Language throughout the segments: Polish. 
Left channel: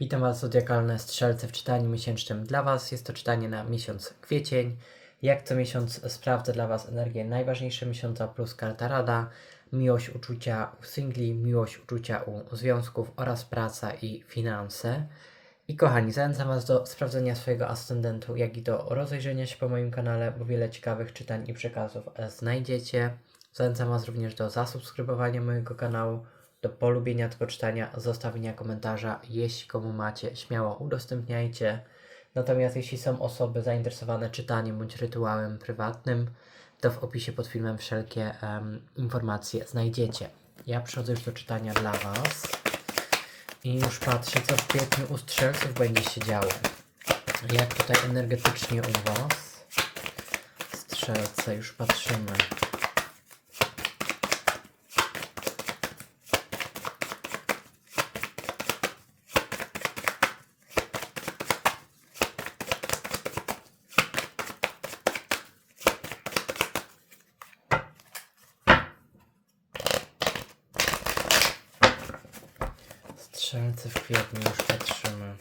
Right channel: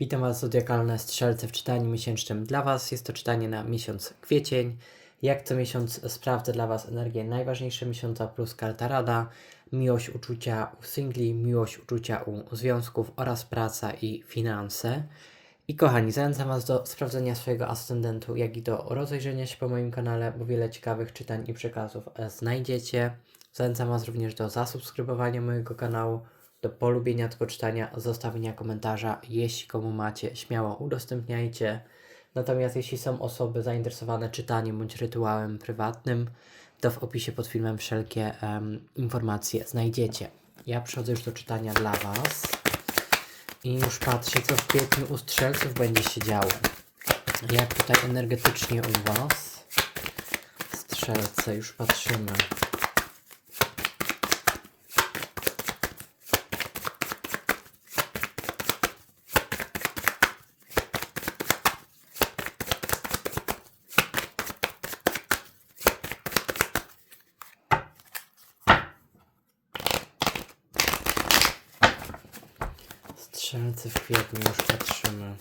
Witam Was, Zodiakalne Strzelce w czytaniu miesięcznym dla Was. Jest to czytanie na miesiąc kwiecień. Jak co miesiąc sprawdzę dla Was energię najważniejsze miesiąca plus karta rada, miłość uczucia u singli, miłość uczucia u związków oraz praca i finanse. I kochani, zachęcam Was do sprawdzenia swojego ascendentu, jak i do rozejrzenia się po moim kanale, bo wiele ciekawych czytań i przekazów znajdziecie. Zachęcam Was również do zasubskrybowania mojego kanału, do polubienia tego czytania, zostawienia komentarza. Jeśli komu macie, śmiało udostępniajcie. Natomiast jeśli są osoby zainteresowane czytaniem bądź rytuałem prywatnym, to w opisie pod filmem wszelkie em, informacje znajdziecie. Ja przechodzę już do czytania dla Was i już patrzę, co w kwietniu u strzelców będzie się działo. Jak tutaj energetycznie u Was. Strzelce, już patrzymy. Strzelcy w kwietniu już patrzymy.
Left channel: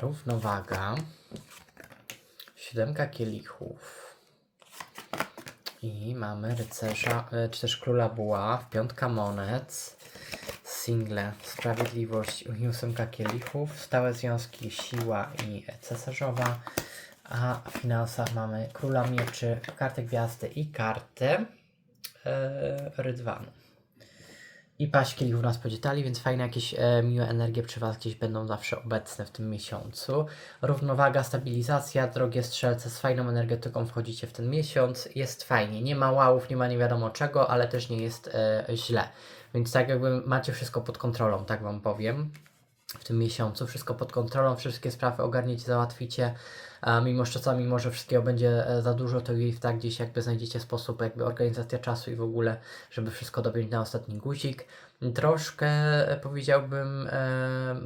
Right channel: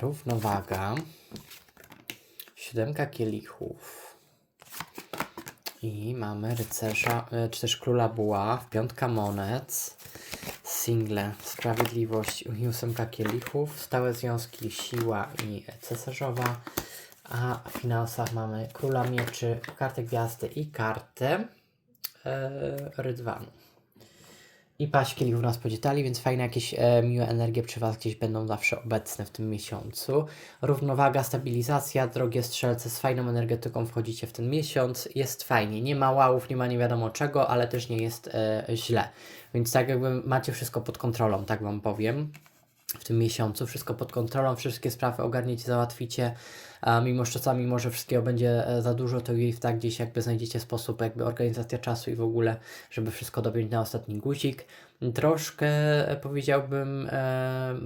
Równowaga. Siódemka kielichów. I mamy rycerza, e, czy też króla buław, piątka monet, single, sprawiedliwość i ósemka kielichów, stałe związki, siła i cesarzowa, a w finansach mamy króla mieczy, kartę gwiazdy i kartę e, rydwanu. I paść kielichów nas podzietali, więc fajne jakieś e, miłe energie przy Was gdzieś będą zawsze obecne w tym miesiącu. Równowaga, stabilizacja, drogie strzelce z fajną energetyką wchodzicie w ten miesiąc. Jest fajnie, nie ma łałów, nie ma nie wiadomo czego, ale też nie jest e, źle. Więc tak jakby macie wszystko pod kontrolą, tak Wam powiem. W tym miesiącu wszystko pod kontrolą, wszystkie sprawy ogarniecie, załatwicie. A mimo że czasami może wszystkiego będzie e, za dużo, to i tak gdzieś jakby znajdziecie sposób, jakby organizacja czasu i w ogóle, żeby wszystko dobić na ostatni guzik. Troszkę e, powiedziałbym e,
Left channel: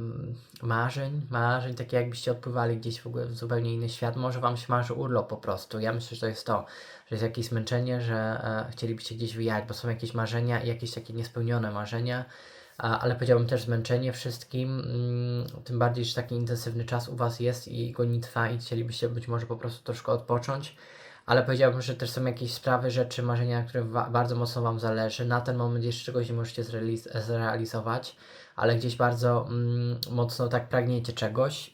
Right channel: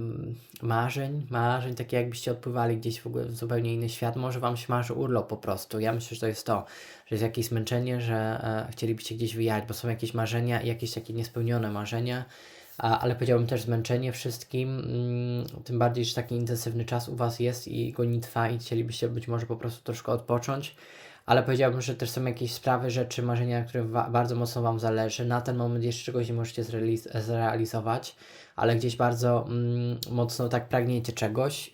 marzeń, marzeń, takie jakbyście odpływali gdzieś w ogóle w zupełnie inny świat. Może Wam się marzy urlop po prostu. Ja myślę, że to jest to, że jest jakieś zmęczenie, że e, chcielibyście gdzieś wyjechać, bo są jakieś marzenia i jakieś takie niespełnione marzenia. Ale powiedziałbym też zmęczenie wszystkim, mm, tym bardziej, że taki intensywny czas u Was jest i gonitwa i chcielibyście być może po prostu troszkę odpocząć, ale powiedziałbym, że też są jakieś sprawy, rzeczy, marzenia, na wa- bardzo mocno Wam zależy. Na ten moment jeszcze czegoś nie możecie zrealiz- zrealizować, ale gdzieś bardzo mm, mocno tak pragniecie czegoś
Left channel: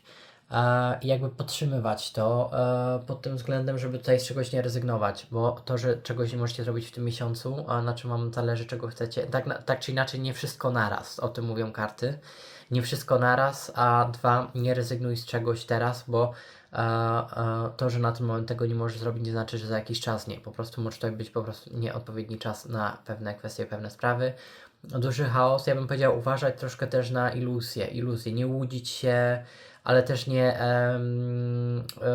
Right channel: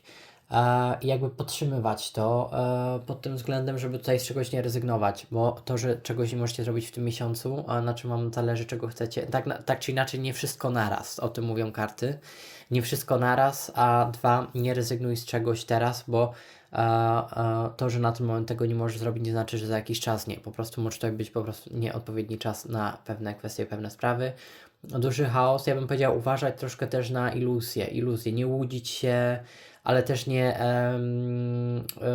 i jakby podtrzymywać to e, pod tym względem, żeby tutaj z czegoś nie rezygnować, bo to, że czegoś nie możecie zrobić w tym miesiącu, a na czym Wam zależy, czego chcecie, tak, tak czy inaczej nie wszystko naraz, o tym mówią karty, nie wszystko naraz, a dwa, nie rezygnuj z czegoś teraz, bo e, e, to, że na ten moment tego nie możesz zrobić, nie znaczy, że za jakiś czas nie, po prostu może to być po prostu nieodpowiedni czas na pewne kwestie, pewne sprawy, duży chaos, ja bym powiedział uważać troszkę też na iluzje, iluzje, nie łudzić się, ale też nie e,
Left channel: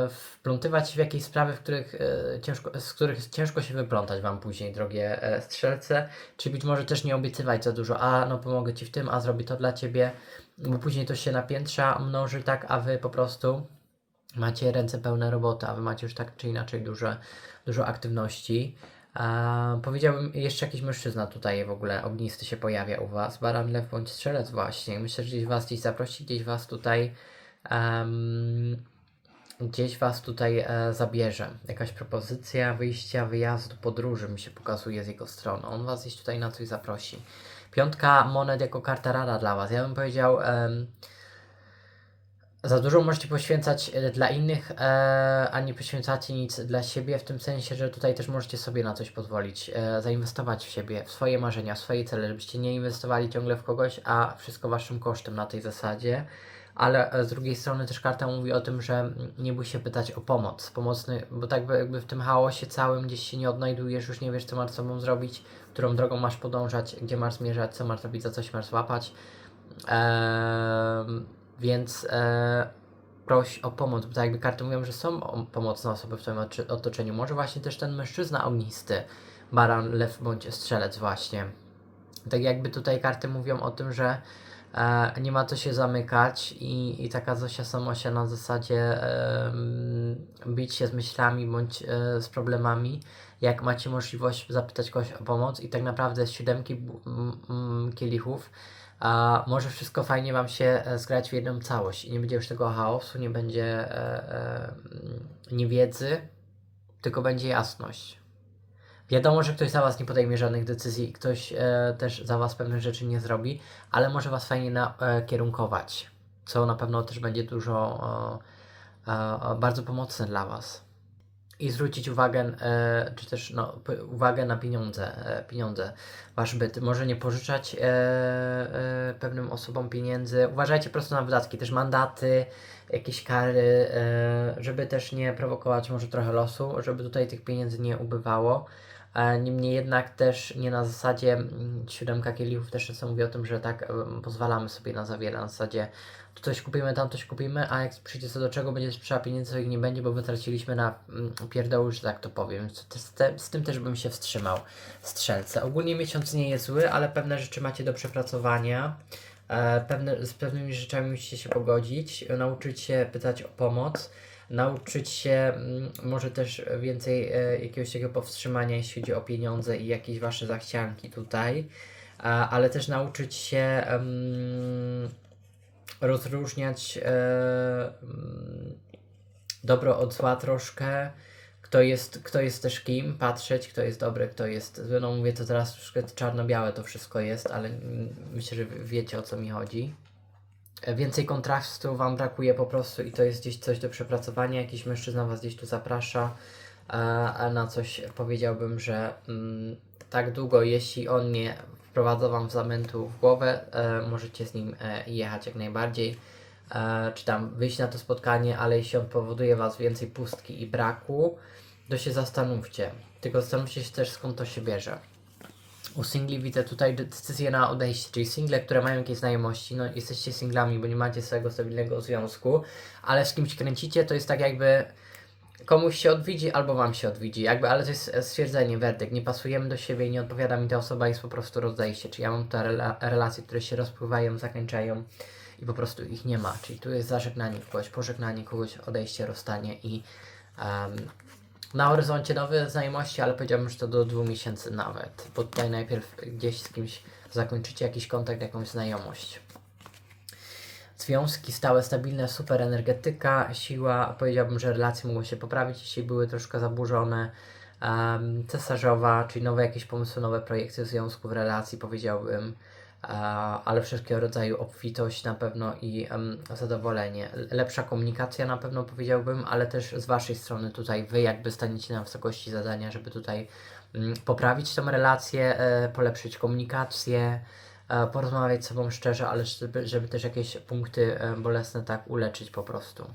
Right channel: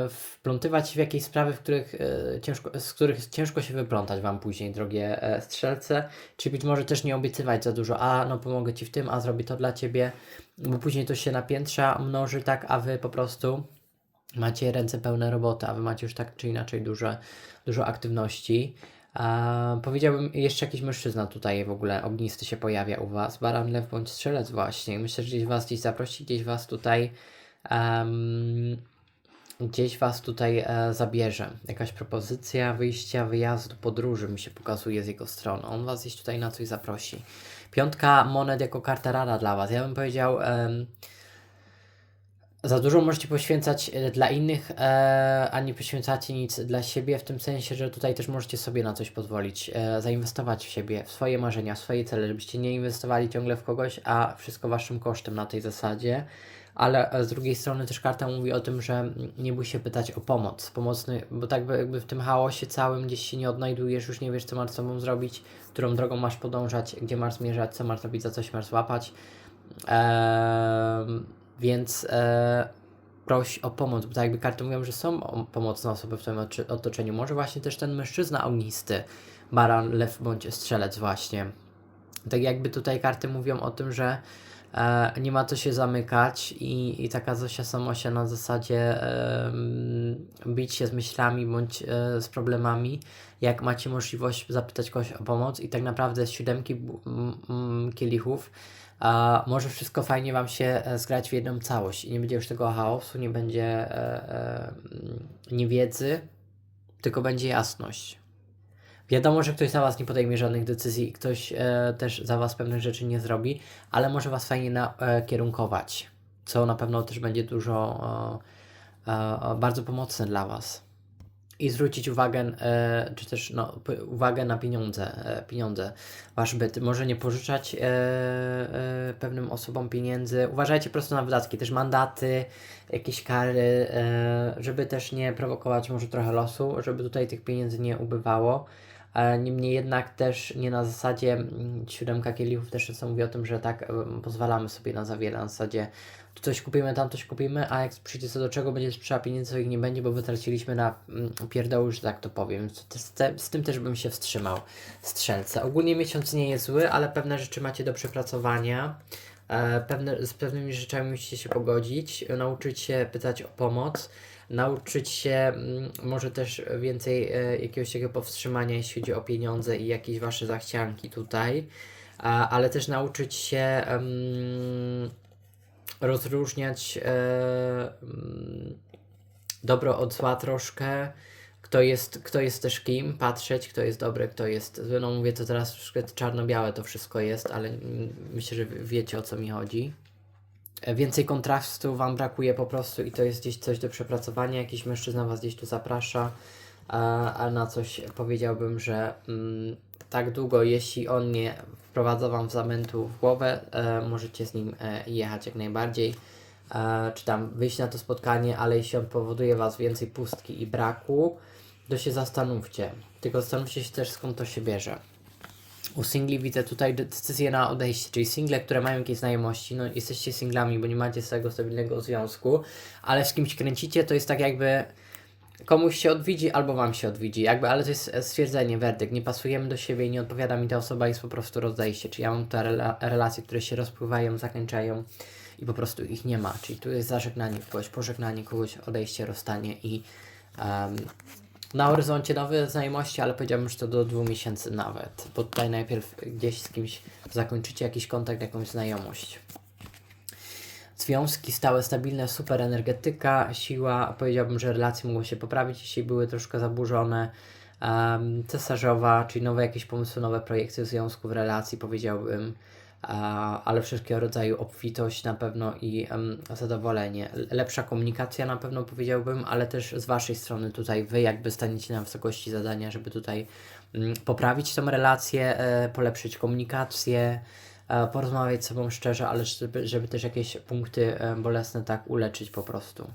wplątywać się w jakieś sprawy, w których, e, ciężko, z których ciężko się wyplątać Wam później, drogie e, strzelce, czy być może też nie obiecywać za dużo, a no pomogę Ci w tym, a zrobię to dla Ciebie, bo później to się napiętrza, mnoży tak, a Wy po prostu macie ręce pełne roboty, a Wy macie już tak czy inaczej duże, dużo aktywności. A, powiedziałbym, jeszcze jakiś mężczyzna tutaj w ogóle ognisty się pojawia u Was, baran, lew bądź strzelec właśnie. Myślę, że gdzieś Was gdzieś zaprosi, gdzieś Was tutaj em, gdzieś Was tutaj e, zabierze. Jakaś propozycja wyjścia, wyjazdu, podróży mi się pokazuje z jego strony. On Was gdzieś tutaj na coś zaprosi. Piątka monet jako karta rada dla Was. Ja bym powiedział... em, za dużo możecie poświęcać e, dla innych, e, a nie poświęcacie nic dla siebie, w tym sensie, że tutaj też możecie sobie na coś pozwolić, e, zainwestować w siebie, w swoje marzenia, w swoje cele, żebyście nie inwestowali ciągle w kogoś, a wszystko waszym kosztem na tej zasadzie. Ale e, z drugiej strony też karta mówi o tym, że nie bój się pytać o pomoc, pomocny, bo tak by- jakby w tym chaosie całym gdzieś się nie odnajdujesz, już nie wiesz, co masz z sobą zrobić, którą drogą masz podążać, gdzie masz zmierzać, co masz zrobić, za coś masz złapać. Em, więc e, proś o pomoc, bo tak jakby karty mówią, że są pomocne osoby w oczy- otoczeniu. Może właśnie też ten mężczyzna ognisty, baran, lew bądź strzelec właśnie. Tak jakby tutaj karty mówią o tym, że e, nie ma co się zamykać i, i taka Zosia Samosia na zasadzie em, bić się z myślami bądź e, z problemami, jak macie możliwość zapytać kogoś o pomoc i tak naprawdę z siódemki kielichów a może wszystko fajnie Wam się e, zgrać w jedną całość i nie będzie już tego chaosu, nie będzie e, e, niewiedzy, tylko będzie jasność. Wiadomo, że ktoś za Was nie podejmie żadnych decyzji i ktoś e, też za Was pewnych rzeczy nie zrobi, ale może Was fajnie nakierunkować, co na pewno też będzie dużo e, e, bardzo pomocne dla Was. I zwrócić uwagę, e, czy też no, uwagę na pieniądze, e, pieniądze, Wasz byt. Może nie pożyczać e, e, pewnym osobom pieniędzy. Uważajcie po prostu na wydatki, też mandaty, jakieś kary, e, żeby też nie prowokować może trochę losu, żeby tutaj tych pieniędzy nie ubywało. E, Niemniej jednak też nie na zasadzie mm, siódemka kielichów też czasem mówi o tym, że tak em, pozwalamy sobie na za wiele, na zasadzie tu coś kupimy, tam coś kupimy, a jak przyjdzie co do czego, będzie trzeba pieniędzy, ich nie będzie, bo wytraciliśmy na mm, pierdoły, że tak to powiem. Z, tym też bym się wstrzymał. Strzelce. Ogólnie miesiąc nie jest zły, ale pewne rzeczy macie do przepracowania. E, pewne, z pewnymi rzeczami musicie się pogodzić, e, nauczyć się pytać o pomoc, nauczyć się mm, może też więcej e, jakiegoś takiego powstrzymania, jeśli chodzi o pieniądze i jakieś wasze zachcianki tutaj, ale też nauczyć się rozróżniać e, mm, dobro od zła troszkę, kto jest, kto jest też kim, patrzeć, kto jest dobry, kto jest zły. No mówię to teraz czarno-białe to wszystko jest, ale mm, myślę, że wiecie o co mi chodzi. E, Więcej kontrastu Wam brakuje po prostu i to jest gdzieś coś do przepracowania. Jakiś mężczyzna Was gdzieś tu zaprasza, a, a na coś powiedziałbym, że mm, tak długo, jeśli on nie wprowadza Wam zamętu w głowę, e, możecie z nim e, jechać jak najbardziej, e, czy tam wyjść na to spotkanie, ale jeśli on powoduje Was więcej pustki i braku, to się zastanówcie. Tylko zastanówcie się też skąd to się bierze. U singli widzę tutaj decyzję na odejście, czyli single, które mają jakieś znajomości, no jesteście singlami, bo nie macie swojego stabilnego związku, ale z kimś kręcicie, to jest tak jakby komuś się odwiedzi albo wam się odwiedzi, jakby, ale to jest stwierdzenie, werdykt, nie pasujemy do siebie i nie odpowiada mi ta osoba, jest po prostu rozejście, czyli ja mam te rela relacje, które się rozpływają, zakończają i po prostu ich nie ma, czyli tu jest zażegnanie kogoś, pożegnanie kogoś, odejście, rozstanie i em, na horyzoncie nowe znajomości, ale powiedziałbym, że to do dwóch miesięcy nawet, bo tutaj najpierw gdzieś z kimś zakończycie jakiś kontakt, jakąś znajomość. Związki stałe, stabilne, super energetyka, siła. Powiedziałbym, że relacje mogą się poprawić, jeśli były troszkę zaburzone. Um, cesarzowa, czyli nowe jakieś pomysły, nowe projekty w związku, w relacji, powiedziałbym. Ale wszelkiego rodzaju obfitość na pewno i zadowolenie. Lepsza komunikacja na pewno powiedziałbym, ale też z Waszej strony tutaj Wy jakby staniecie na wysokości zadania, żeby tutaj mm, poprawić tę relację, e, polepszyć komunikację, e, porozmawiać z sobą szczerze, ale żeby, żeby też jakieś punkty e, bolesne tak uleczyć po prostu.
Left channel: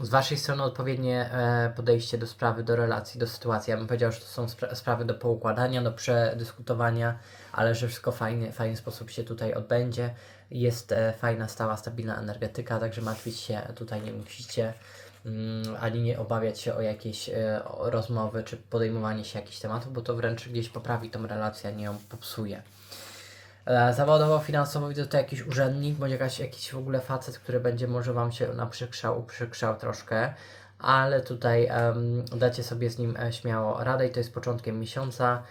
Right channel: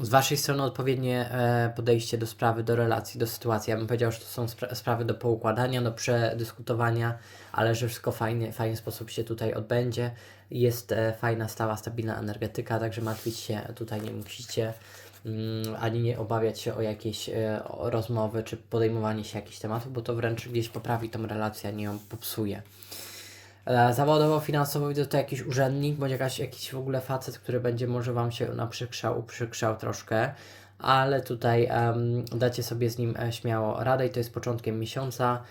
Z Waszej strony odpowiednie e, podejście do sprawy, do relacji, do sytuacji. Ja bym powiedział, że to są spra- sprawy do poukładania, do przedyskutowania, ale że wszystko fajnie, fajny sposób się tutaj odbędzie. Jest e, fajna, stała, stabilna energetyka, także martwić się tutaj nie musicie, mm, ani nie obawiać się o jakieś e, rozmowy, czy podejmowanie się jakichś tematów, bo to wręcz gdzieś poprawi tą relację, a nie ją popsuje. E, Zawodowo, finansowo widzę to jakiś urzędnik, bądź jakaś, jakiś w ogóle facet, który będzie może Wam się naprzykrzał, uprzykrzał troszkę, ale tutaj em, dacie sobie z nim e, śmiało radę i to jest początkiem miesiąca.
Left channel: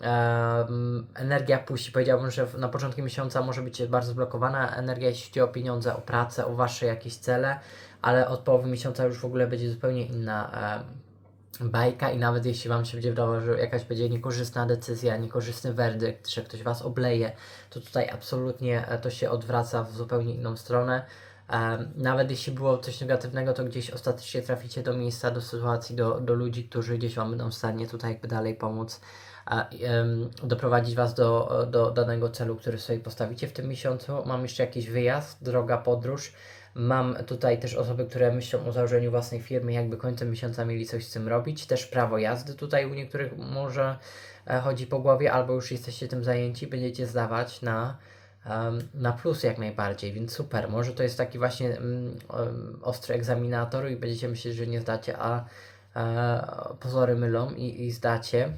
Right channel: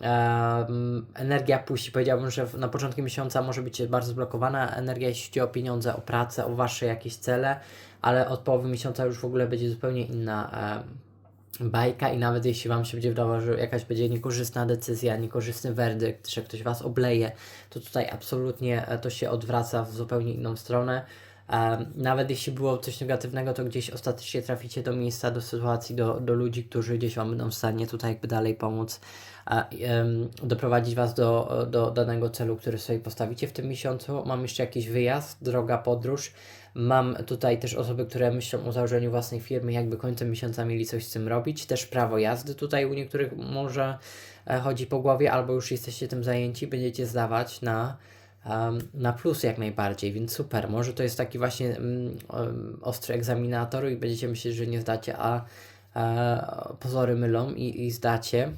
Em, energia puści, powiedziałbym, że na początku miesiąca może być bardzo zblokowana energia, jeśli chodzi o pieniądze, o pracę, o Wasze jakieś cele, ale od połowy miesiąca już w ogóle będzie zupełnie inna em, bajka i nawet jeśli Wam się będzie wydawało, że jakaś będzie niekorzystna decyzja, niekorzystny werdykt, że ktoś Was obleje, to tutaj absolutnie e, to się odwraca w zupełnie inną stronę. Em, Nawet jeśli było coś negatywnego, to gdzieś ostatecznie traficie do miejsca, do sytuacji, do, do ludzi, którzy gdzieś Wam będą w stanie tutaj jakby dalej pomóc, doprowadzić Was do, do danego celu, który sobie postawicie w tym miesiącu. Mam jeszcze jakiś wyjazd, droga, podróż. Mam tutaj też osoby, które myślą o założeniu własnej firmy, jakby końcem miesiąca mieli coś z tym robić. Też prawo jazdy tutaj u niektórych może e, chodzi po głowie, albo już jesteście tym zajęci, będziecie zdawać na, na plus jak najbardziej, więc super. Może to jest taki właśnie mm, ostry egzaminator i będziecie myśleć, że nie zdacie, a e, pozory mylą i, i zdacie.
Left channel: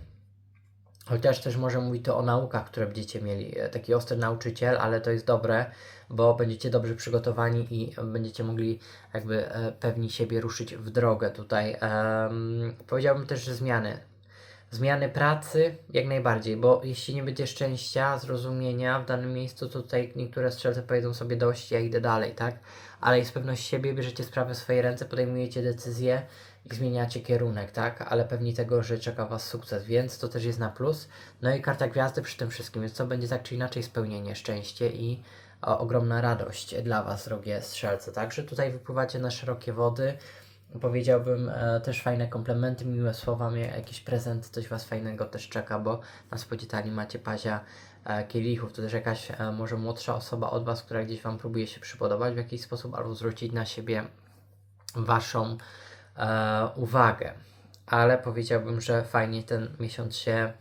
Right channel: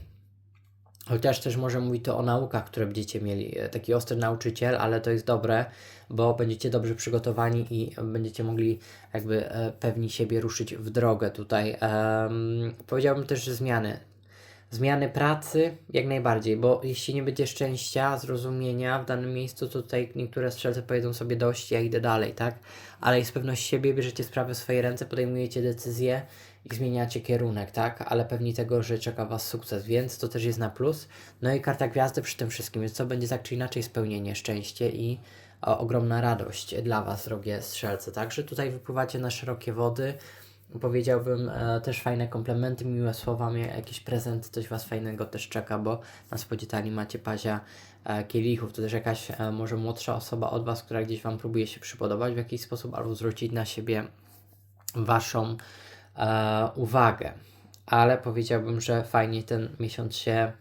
Chociaż też może mówi to o naukach, które będziecie mieli. E, Taki ostry nauczyciel, ale to jest dobre, bo będziecie dobrze przygotowani i będziecie mogli jakby e, pewni siebie ruszyć w drogę tutaj. Powiedziałbym też, że zmiany. Zmiany pracy jak najbardziej, bo jeśli nie będzie szczęścia, zrozumienia w danym miejscu, tutaj niektóre strzelce powiedzą sobie dość, ja idę dalej, tak? Ale jest pewność siebie, bierzecie sprawy w swoje ręce, podejmujecie decyzje i zmieniacie kierunek, tak? Ale pewni tego, że czeka Was sukces, więc to też jest na plus. No i karta gwiazdy przy tym wszystkim, więc to będzie tak czy inaczej spełnienie, szczęście i ogromna radość dla Was, drogie strzelce. Także tutaj wypływacie na szerokie wody. Powiedziałbym e, też fajne komplementy, miłe słowa, jakiś prezent, coś Was fajnego też czeka, bo na spodzie tani macie pazia e, kielichów. To też jakaś e, może młodsza osoba od Was, która gdzieś Wam próbuje się przypodobać w jakiś sposób albo zwrócić na siebie Waszą e, uwagę. Ale powiedziałbym, że fajnie ten miesiąc się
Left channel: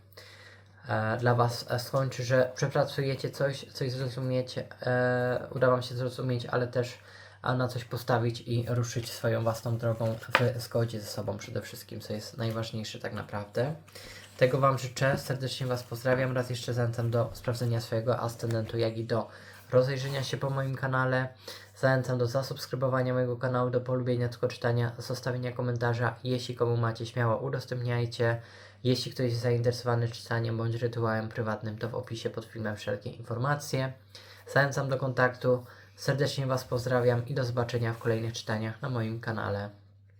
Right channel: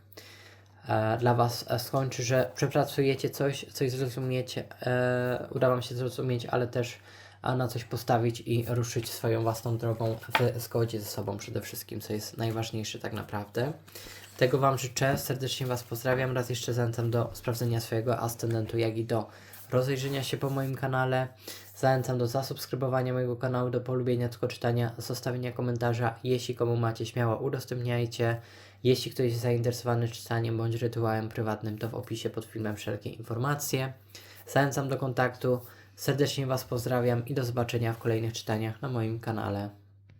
dla Was e, skończy, że przepracujecie coś, coś zrozumiecie, e, uda Wam się zrozumieć, ale też na coś postawić i ruszyć swoją własną drogą w zgodzie ze sobą przede wszystkim, co jest najważniejsze tak naprawdę. Tego Wam życzę, serdecznie Was pozdrawiam, raz jeszcze zachęcam do sprawdzenia swojego ascendentu, jak i do rozejrzenia się po moim kanale. Zachęcam do zasubskrybowania mojego kanału, do polubienia, tylko czytania, zostawienia komentarza. Jeśli komu macie, śmiało udostępniajcie. Jeśli ktoś jest zainteresowany czytaniem bądź rytuałem prywatnym, to w opisie pod filmem wszelkie informacje. Zachęcam do kontaktu. Serdecznie Was pozdrawiam i do zobaczenia w kolejnych czytaniach na moim kanale.